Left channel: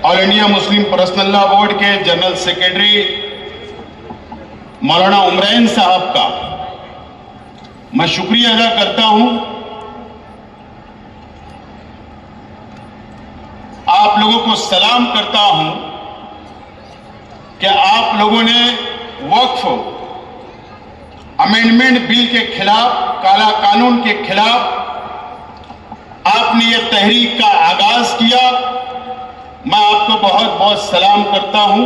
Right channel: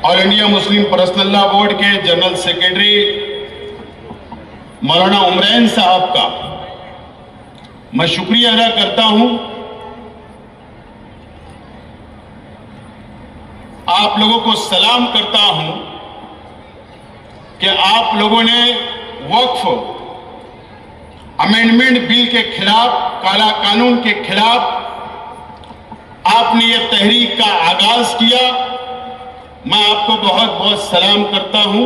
All India Muslim personal law board के general secretary मौलाना उमरैन साहब का मैं शुक्रिया अदा करता हूं। आप लोगों को सलाम करता हूं कि आप लोगों ने वक्फ अमेंडमेंट बिल के खिलाफ, काला कानून के खिलाफ आपने ये तहरीक का आगाज किया। मैं आपको बहुत बहुत सलाम करता हूं।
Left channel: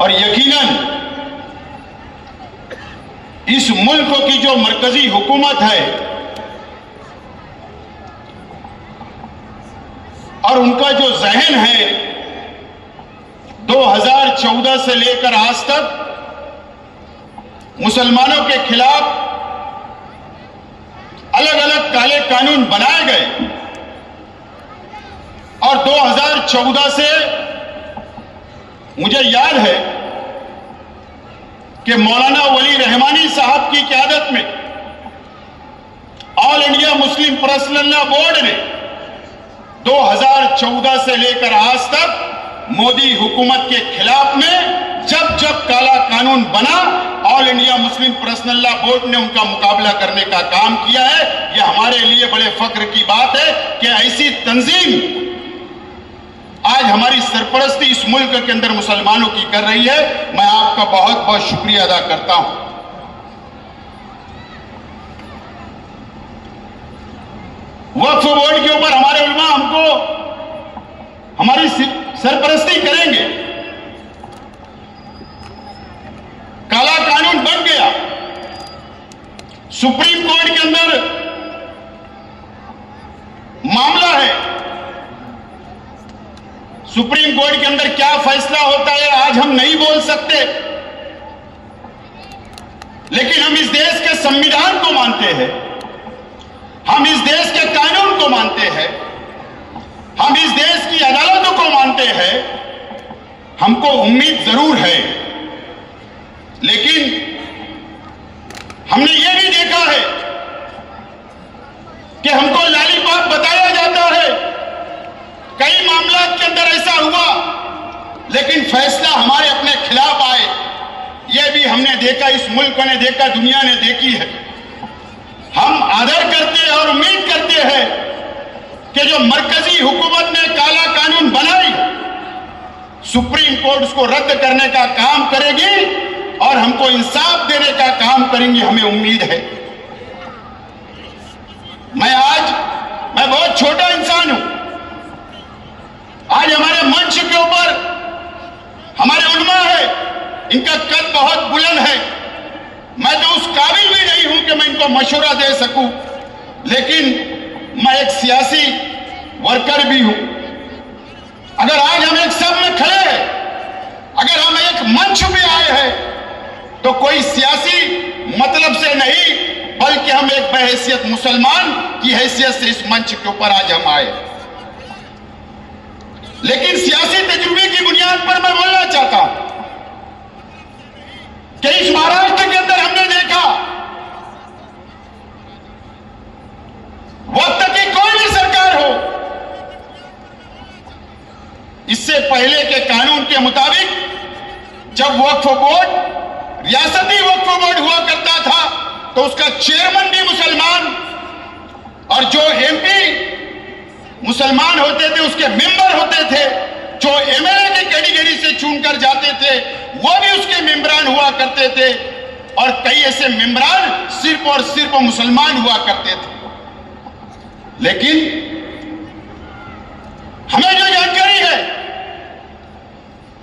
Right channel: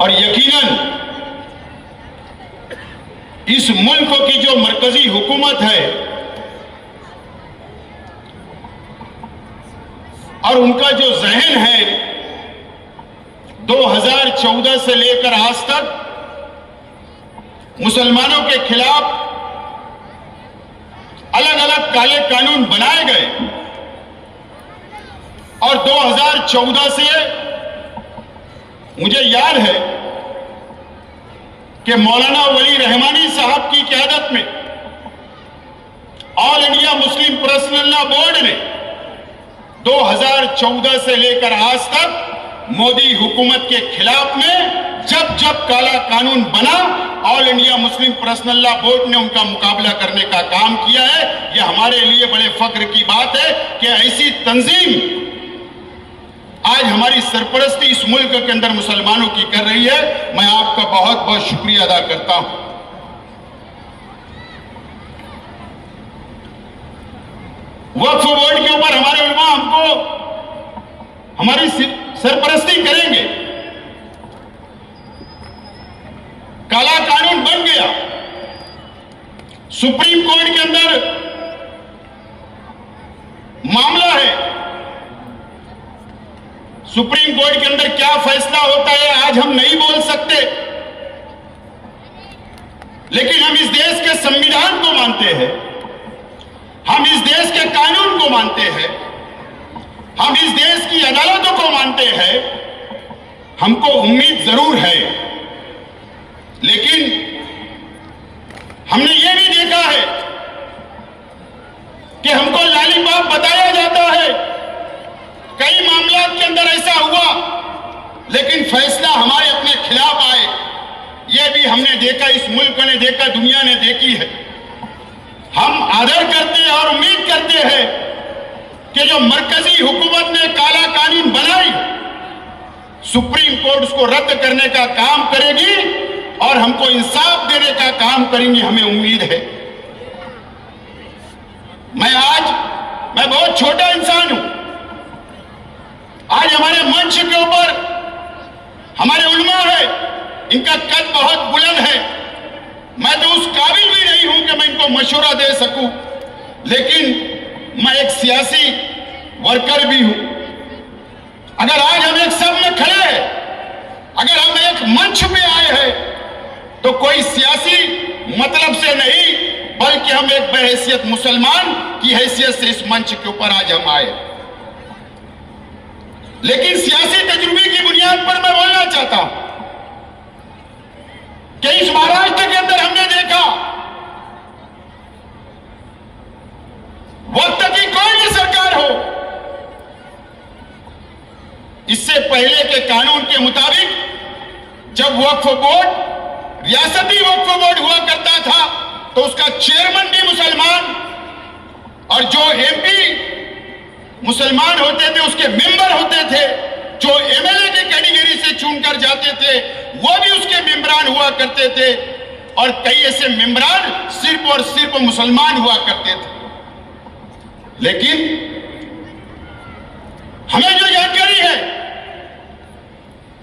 और यकीनन इस मुल्क की जो मरकजी हुकूमत है और उनका जो जहन है 2014 से लेकर आज तक मुसलमानों के खिलाफ अलग अलग काले कानून बनाए गए और 2014 से मुझे याद है कि मौलाना वली रहमानी साहब की क़यादत में all India Muslim personal law board ने 2014 से लेकर आज तक मोदी हुकूमत के खिलाफ में जब जब काला कानून बना, all India Muslim personal law board ने उनका मुकाबला करने का काम किया है। यह हमारे लिए बड़े फख्र की बात है कि ऐसी तंजीम आज हमारी सरपरस्ती इस मुल्क के अंदर मुसलमानों की कर रही है। मैं आपका बहुत बहुत शुक्रिया अदा करता हूं। वक्फ बोर्ड के ऊपर हमारे उलमा हमको हमारी सरपरस्ती करेंगे। काला कानून बन गया, सुप्रीम कोर्ट के अंदर मामला है। सुप्रीम कोर्ट के अंदर क्या फैसला होता है आज हम नहीं बोल सकते, लेकिन हम इस देश के संविधान को मानते हैं, हम इस देश के कानून को मानते हैं, हम इस देश की अदालतों को मानते हैं। हमको उम्मीद जरूर है, लेकिन हमने ये भी देखा है कि हमको लॉलीपॉप बताया जाता है। कई मामलों के अंदर ऐसा हुआ, लेकिन फैसला हमारे अपने खिलाफ आए। यह भी हमने देखा, इस मुल्क ने देखा, दुनिया ने देखी है। हम आदर करते हैं और उम्मीद करते हैं कि जो मरकजी हुकूमत ने काला कानून बनाई, सुप्रीम कोर्ट उसको रद्द करने का काम करेगी और हमको इंसाफ देने का काम करेंगी, हमें उम्मीद है। मैं बहुत छोटा इंसान हूं। आज हमारे मंच के ऊपर हमारे उलमा है, इनका कद बहुत बुलंद है। मैं तो उस काबिल भी नहीं हूं कि मैं इनको मशवरा दे सकूं, लेकिन मैं एक सियासी वर्कर भी हूं। अगर आज हम एक सब में खड़े हैं, अगर हम एक मंच में आए हैं, तो कोई सियासी मतलब से नहीं, बल्कि हम एक बहैसियत मुसलमान की हैसियत से इस मंच के ऊपर आज हम आए। लेकिन सियासी तजुर्बे की बुनियाद पर मैं बोलना चाहता हूं कि इस महाराष्ट्र के अंदर हमने देखा वक्त की कोई भी सरकार हो, इससे पहले के कानून के मुताबिक जब वक्फ बोर्ड रियासती वक्फ बोर्ड हुआ करता था तो उसका चेयरमैन भी मुसलमान और जो एमपी मुसलमान होते थे उसके मेंबर होते थे, जो एमएलए की कैटेगरी से चुनकर जाते थे वो भी उसके मेंबरान हुआ करते थे, और कई ऐसे मेंबरान सिर्फ और सिर्फ मुसलमान हुआ करते थे। लेकिन हमें जो जानकारी है,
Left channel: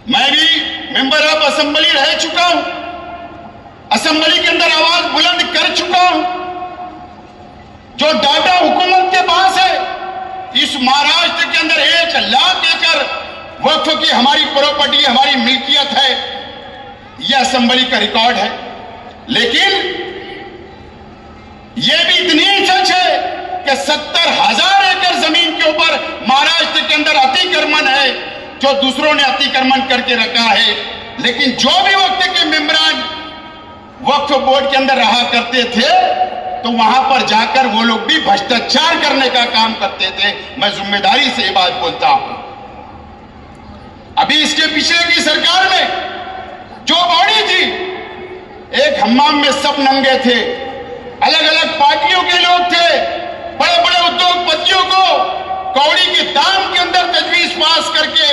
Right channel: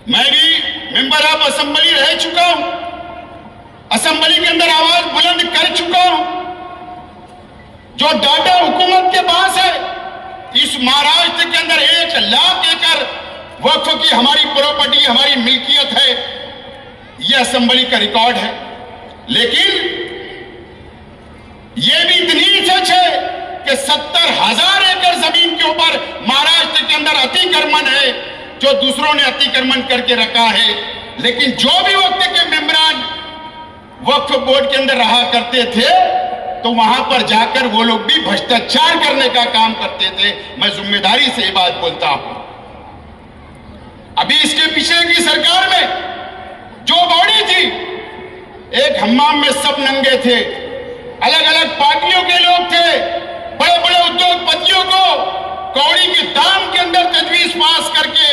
मैं भी मेंबर ऑफ असेंबली रह चुका हूं, असेंबली के अंदर आवाज बुलंद कर चुका हूं। जो डाटा हुकूमत के पास है, इस महाराष्ट्र के अंदर 1 लाख एकड़ वक्फ की हमारी प्रॉपर्टी, हमारी मिल्कियत है, यह असेंबली का रिकॉर्ड है। लेकिन यह भी इतनी सच है कि 70,000 एकड़ जमीन के ऊपर महाराष्ट्र के अंदर अतिक्रमण है, जो दूसरों ने अतिक्रमण करके रखा है। लेकिन जो भी वक्त के मेंबरान वक्फ बोर्ड के अंदर रहा करते थे, तो वहां पर जाकर वो लोग भी भ्रष्टाचार करने का काम करते थे। मैं जिम्मेदारी से ये बात बोलता हूं। अभी इसके पीछे की सरकार में जो बॉडी थी, एक हम्माम में सब नंगे थे, अलग अलग पार्टियों के लोग थे, बड़े बड़े उद्योगपतियों को कौड़ी के दाम के अंदर तजवीज पास करके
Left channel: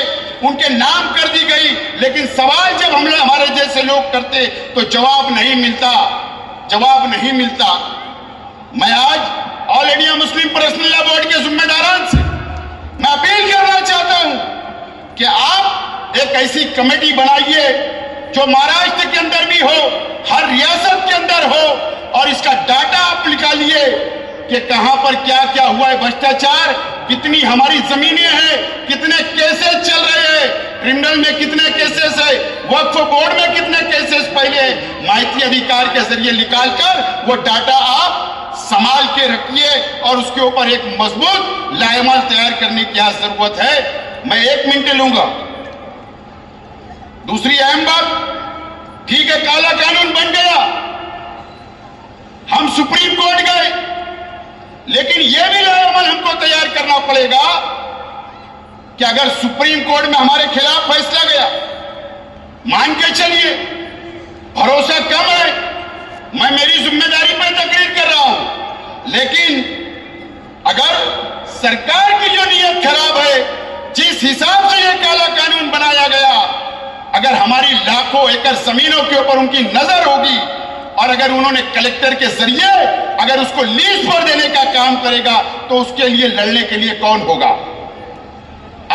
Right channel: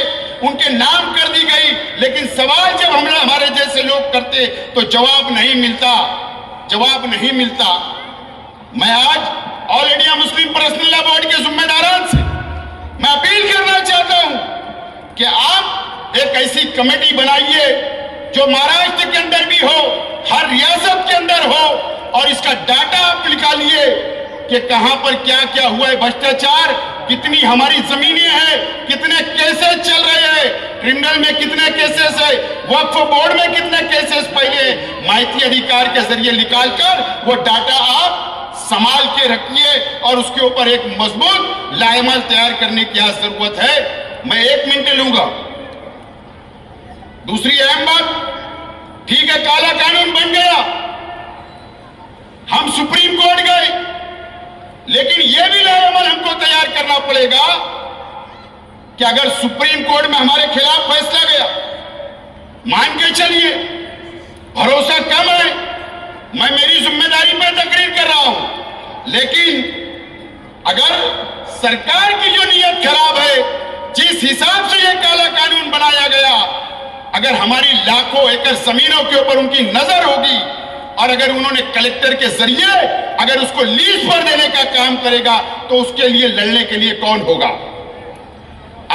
उनके नाम कर दी गई। लेकिन सवाल जब हमारे जैसे लोग करते तो जवाब नहीं मिलता, जवाब नहीं मिलता। मैं आज all India Muslim personal law board के जिम्मेदारान से मैं अपील करना चाहता हूं कि आप एक ऐसी कमेटी बनाइए जो महाराष्ट्र के अंदर भी हो, हर रियासत के अंदर हो, और इसका डाटा आप निकालिए कि कहां पर क्या क्या हुआ है भ्रष्टाचार, कितनी हमारी जमीनें हैं, कितने केसेस चल रहे हैं, क्रिमिनल में कितने केसेस है, वक्फ बोर्ड में कितने केसेस पहले, माहिती अधिकार के जरिए निकालकर वो डाटा आप संभाल के रखिए और उसके ऊपर एक मजबूत लाएमाल तैयार करने की यहां जरूरत है। मैं 1 मिनट लूंगा। दूसरी अहम बात, ठीक है काला कानून बन गया, हम सुप्रीम कोर्ट गए, लेकिन यह भी लाएमाल हमको तैयार करना पड़ेगा कि अगर सुप्रीम कोर्ट में हमारे खिलाफ फैसला गया, मान के चलिए भरोसा कम है, मैं मेरी जिम्मेदारी पर तकरीर कर रहा हूं, लेकिन अगर सरकार की जो नीयत खराब है, जिस हिसाब से यह काला कानून बनाया गया, अगर हमारी लाखों एकड़ जमीनों के ऊपर उनकी नजर होगी और अगर उन्होंने कलेक्टर के जरिए अगर उसको लीज पर देने का काम करेगा तो उसके लिए लड़ने के लिए कौन होगा?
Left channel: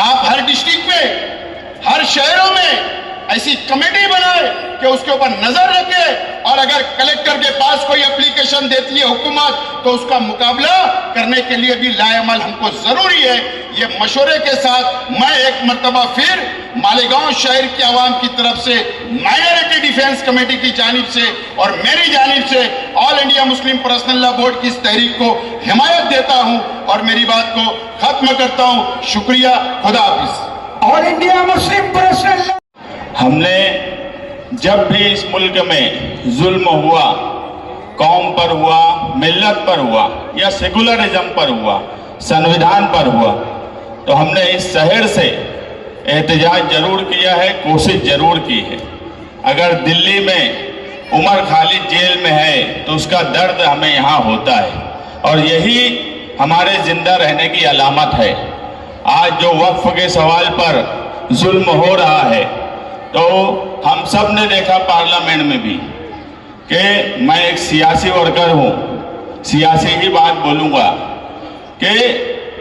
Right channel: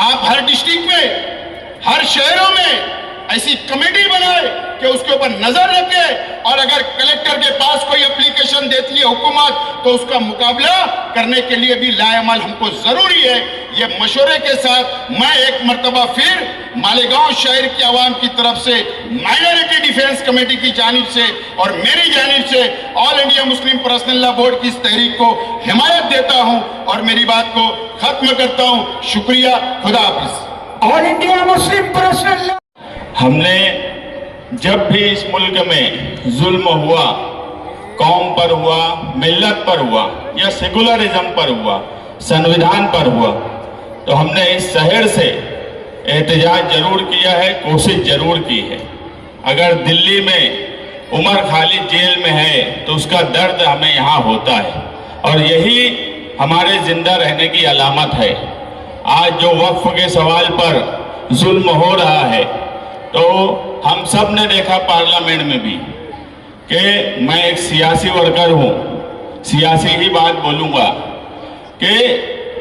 आप हर डिस्ट्रिक्ट में, हर शहरों में ऐसी कमेटी बनाए कि उसके ऊपर नजर रखे और अगर कलेक्टर के पास कोई एप्लीकेशन देती है हुकूमत तो उसका मुकाबला करने के लिए भी लाएमाल हमको जरूरी है। ये मशवरे के साथ मैं एक मर्तबा फिर मालेगांव शहर की आवाम की तरफ से, माइनॉरिटी डिफेंस कमेटी की जानिब से और मेरी जानिब से all India Muslim personal law board की इस तहरीक को हिमायत देता हूं और मेरी बात को खत्म करता हूं। शुक्रिया, खुदा हाफिज। All India Muslim personal law, हमने जब भी इस मुल्क में जुल्म हुआ, कौम पर हुआ, मिल्लत पर हुआ या सेकुलरिज्म पर हुआ, संविधान पर हुआ, तो हमने इस शहर से एहतजाज जरूर किया है, कोशिश जरूर की है। अगर दिल्ली में उमर खालिद जेल में है तो उसका दर्द हमें यहाँ होता है और यही हमारे जिंदा रहने की अलामत है। आज जो वक्फ के सवाल पर जुल्म हो रहा है तो हम सब ने देखा पार्लियामेंट में भी कि मैं एक सियासी वर्कर हूँ, सियासी ही बात बोलूँगा कि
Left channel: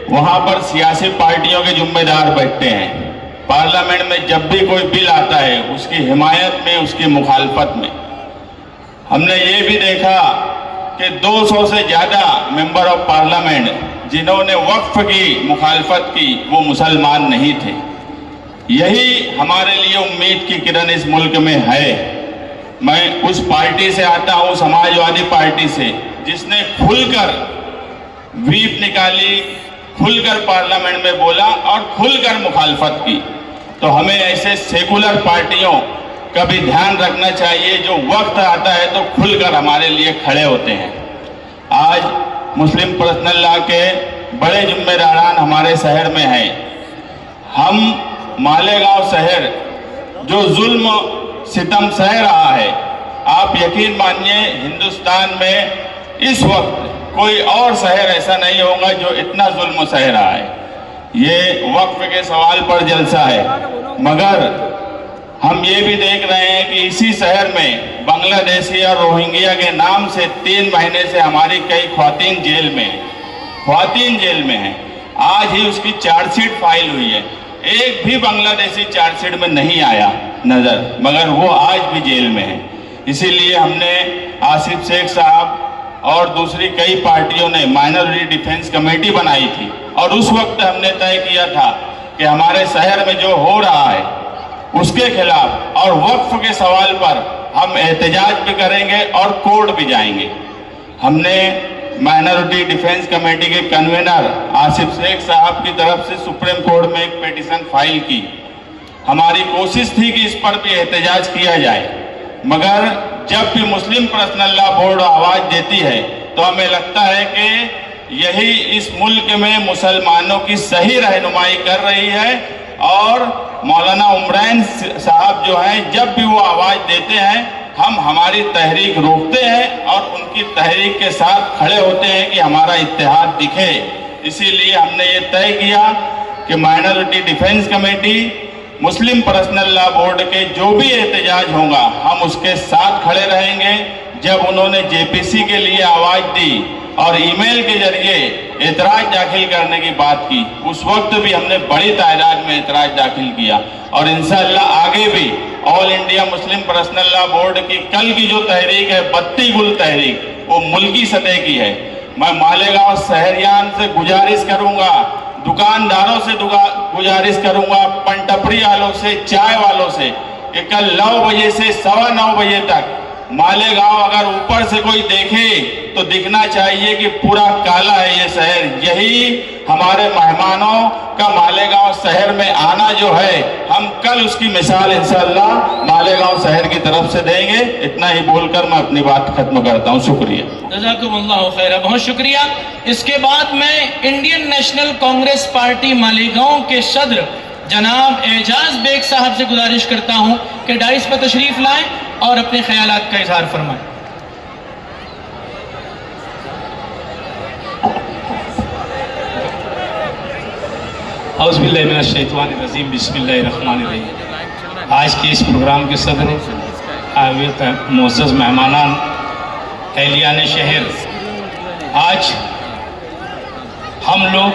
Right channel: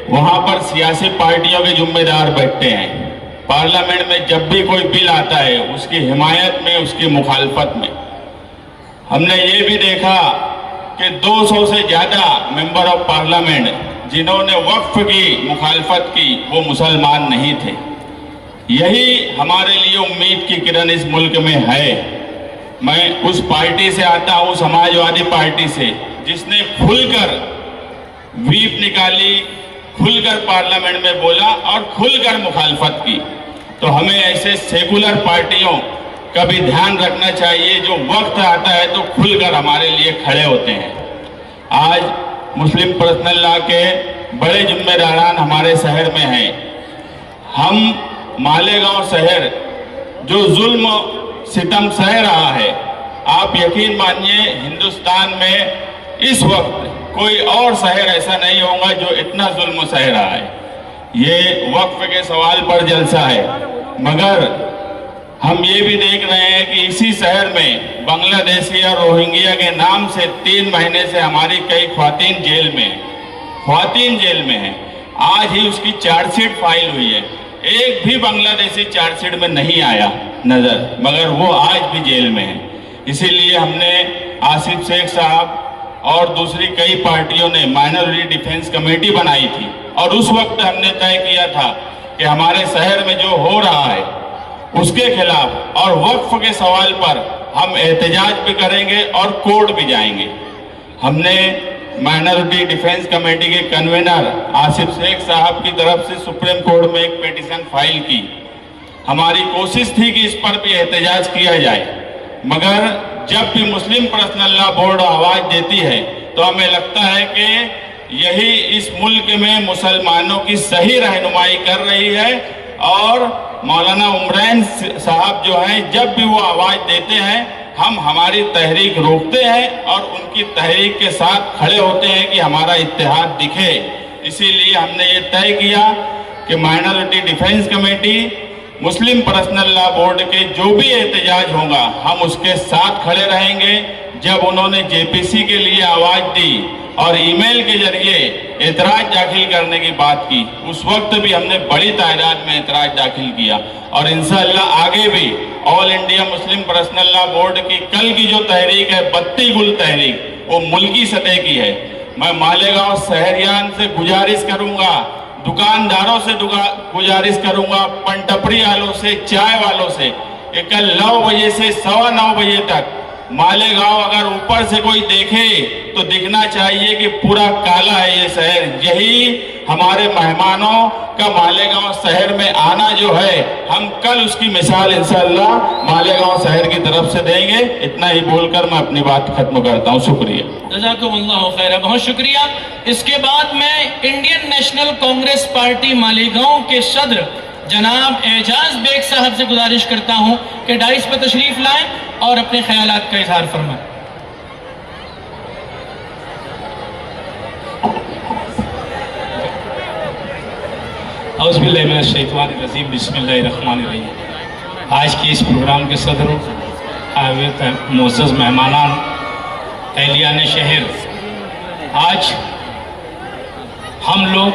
वहाँ पर सियासी पार्टियों के जिम्मेदार बैठते हैं। पार्लियामेंट में जब भी कोई बिल आता है उसकी हिमायत में, उसकी मुखालफत में, हमने ये भी देखा कि 200 से ज़्यादा मेंबर ऑफ पार्लियामेंट जिन्होंने वक्फ की मुखालफत की वो मुसलमान नहीं थे। यही हमारे लिए उम्मीद की किरण इस मुल्क में है। मैं उस पार्टी से आता हूँ, समाजवादी पार्टी से, जिसने खुलकर व्हीप निकाली, खुलकर पार्लियामेंट में बोला और खुलकर मुखालफत की। तो हमें ऐसे सेकुलर पार्टियों का भी ध्यान रखना चाहिए जो वक्त आता है तो खुलकर हमारे लिए खड़े होते हैं। आज मुस्लिम पर्सनल लॉ के बड़े जिम्मेदारान हमारे शहर में हैं। हम मालेगांव शहर जो जुल्म सितम सह रहा है, आप यकीन मानिए हिंदुस्तान में इस वक्त कोई और शहर ऐसा नहीं होगा जो इतना जुल्म सह रहा है। ये वक्फ के सवाल पर जलसा है, मगर हम ये भी देख रहे हैं कि इसी शहर में बांग्लादेशी और रोहिंग्या के नाम से 3 महीने से हमारी कई ख्वातीन जेल में हैं, ख्वातीन जेल में हैं। आज ही उसकी चार्जशीट फाइल हुई है, एक भी बांग्लादेशी चार्जशीट में नहीं आया नजर, मगर वो आज भी जेल में है। इसीलिए हमने आसिफ शेख साहब और दूसरी कई पार्टियों ने माइनॉरिटी डिफेंस कमेटी बनाई थी और उस वक्त हमने तय किया था कि हमारे शहर में जो हो रहा है उसके खिलाफ और वक्फ के सवाल पर हम एहतजाज भी करेंगे और कोर्ट भी जाएंगे। हमने माइनॉरिटी डिफेंस कमेटी के कन्वीनर आसिफ शेख साहब की तरफ से सुप्रीम कोर्ट में एक पिटीशन फाइल की। हमारी कोशिश थी कि इस पर भी एहतजाज किया जाए, मगर जब भी मुस्लिम पर्सनल लॉ बोर्ड आवाज देती है तो हमें लगता है कि यही इस मुल्क में मुसलमानों की सही रहनुमाई कर रही है। और मौलाना उमरैन साहब जो हैं, जब भी वो आवाज देते हैं हम हमारी तहरीक रोकते हैं और उनकी तहरीक के साथ खड़े होते हैं कि हमारा इत्तेहाद दिखे। इसीलिए हमने ये तय किया कि माइनॉरिटी डिफेंस कमेटी, मुस्लिम पर्सनल लॉ बोर्ड के जो भी एहतजाज होगा हम उसके साथ खड़े रहेंगे। जब उन्होंने जेपीसी के लिए आवाज दी और ईमेल के जरिए एतराज दाखिल करने की बात की, उस वक्त भी हमने बड़ी तादाद में एतराज दाखिल किया। और इंशाअल्लाह आगे भी all India Muslim personal law board की कल की जो तहरीक है, बत्ती गुल तहरीक, वो मुल्की सतह की है। मैं मालेगांव शहरियान से गुजारिश करूंगा, दुकानदारों से गुजारिश करूंगा, पंटपड़ी वालों से, चाय वालों से, कि कल 9 बजे से 9:15 बजे तक मालेगांव अगर ऊपर से कोई देखे तो दिखना चाहिए कि पूरा काला है ये शहर। यही हमारे मेहमानों का मालेगांव शहर में आना जो है, हम कल उसकी मिसाल इंशाअल्लाह मालेगांव शहर की तरफ से देंगे। इतना ही बोलकर मैं अपनी बात खत्म करता हूं। शुक्रिया। जज़ाकुमुल्लाहु खैरा, बहुत शुक्रिया। इसके बाद मैं Indian national Congress party Malegaon के सदर जनाब एजाज बेग साहब से गुजारिश करता हूं कि डाइस पर तशरीफ लाएं और अपने ख्यालात का इजहार फरमाएं। औज़ुबिल्लाहिमिनश्शैतानिर्रजीम, बिस्मिल्लाहिर्रहमानिर्रहीम। आज के इस प्रोग्राम के सदर, मोअज़्ज़ज़ मेहमानान, अहलियान शहर, आज हम लोग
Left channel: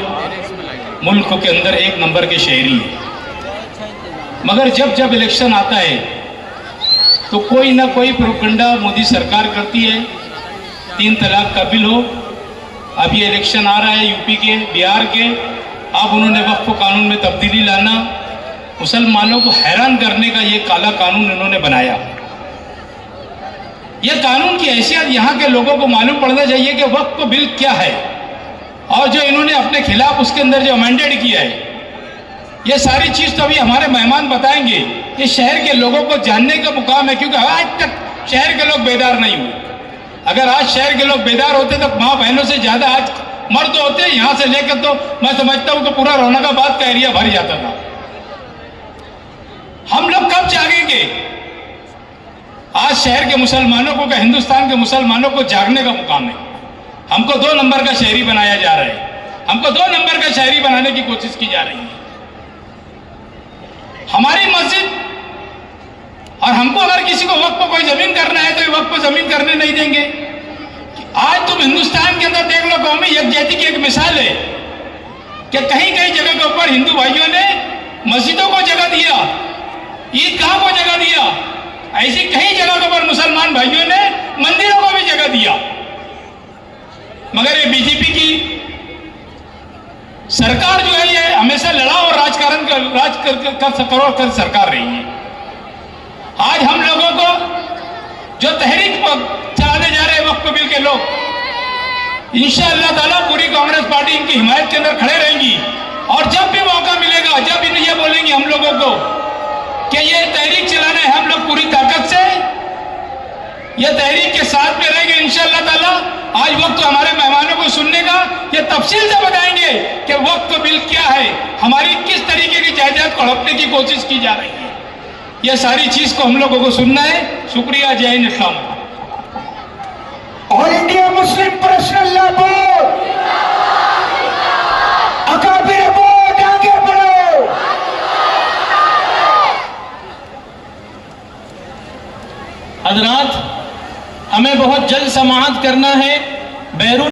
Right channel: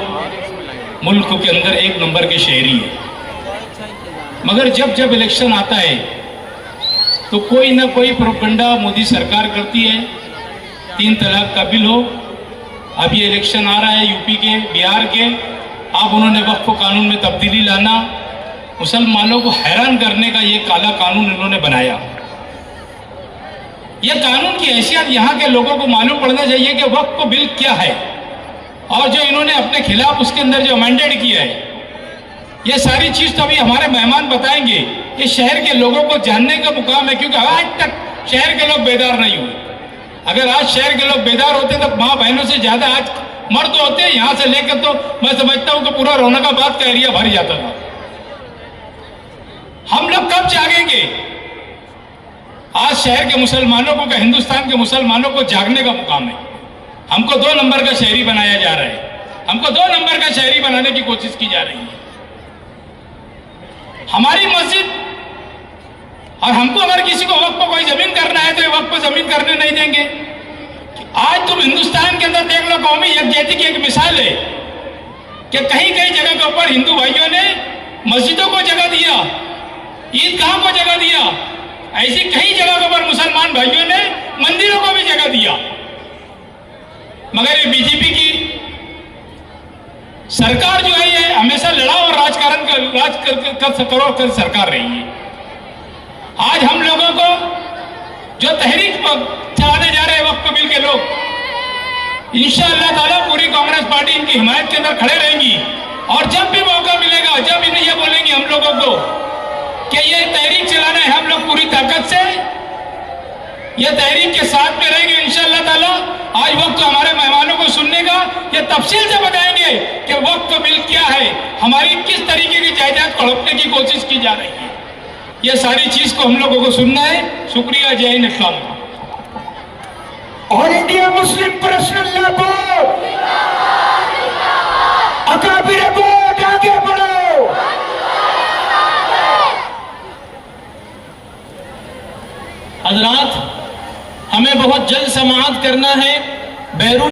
मुल्क के अंदर 1 नंबर के शहरी हैं, मगर जब इलेक्शन आता है तो कोई ना कोई प्रोपेगेंडा मोदी सरकार करती है। 3 तलाक का बिल हो, अब ये इलेक्शन आ रहा है यूपी के, बिहार के, अब उन्होंने वक्फ कानून में तब्दीली लाना, मुसलमानों को हैरान करने का ये काला कानून इन्होंने बनाया। यह कानून की हैसियत यहाँ के लोगों को मालूम पड़ना चाहिए कि वक्फ बिल क्या है, और जो इन्होंने अपने खिलाफ उसके अंदर जो अमेंडेड किया है, ये सारी चीज तो अभी हमारे मेहमान बताएंगे। इस शहर के लोगों को जानने का मुकाम है, क्योंकि आज तक शहर के लोग बेदार नहीं हुए। अगर आज शहर के लोग बेदार होते तो माँ बहनों से ज्यादा आज मर्द होते हैं। यहां से लेकर तो मैं समझता हूं कि पूरा रौनकाबाद का एरिया भर जाता था। हम लोग कब जागेंगे? आज शहर के मुसलमानों को, हिंदुस्तान के मुसलमानों को जागने का मुकाम है। हमको 2 नंबर का शहरी बनाया जा रहा है, हमको 2 नंबर का शहरी बनाने की कोशिश की जा रही है। हमारी मस्जिद, और हमको अगर किसी को वक्त पर कोई जमीन करना है तो ये वक्त पर जमीन करने नहीं देंगे। आज तुम हिंदुस्तान के अंदर देख लो, कौमी यकजहती की एक मिसाल है कि कहीं कहीं जगह के ऊपर हिंदू भाइयों ने मस्जिदों को जगह दिया, ईदगाह को जगह दिया, ऐसी कई जगह के ऊपर मुसलमान भाइयों ने मंदिरों को भी जगह दिया। मगर ये बीजेपी की सरकार जो है, ये हमेशा लड़ाई और राजकारण कर सरकार रही है। आज हम लोगों को जो तहरीक चलाने जा रहे हैं वक्फ बिल के लोग, इंशाअल्लाह ताला पूरी कांग्रेस पार्टी इनकी हिमायत के अंदर खड़े रहेंगी। और जब भी मौका मिलेगा, जब इन्हें यह बोलेंगे हम लोगों को कि ये तहरीक चलाना है, हम लोग पूरी ताकत से ये तहरीक के साथ में रहेंगे इंशाअल्लाह ताला। आज वक्त हमारे मेहमानों को सुनने का, ये तफसील से बताएंगे कि वक्फ बिल क्या है, हमारी किस तरीके की जायदाद को हड़पने की कोशिश की जा रही है। ये सारी चीज को हम लोगों को सुनना है। शुक्रिया। जय हिंद, अस्सलाम। All India Muslim personal law board, अकाबिर बोर्ड, आगे बढ़ो। हजरात, हमें बहुत जल्द समाअत करना है। बैरून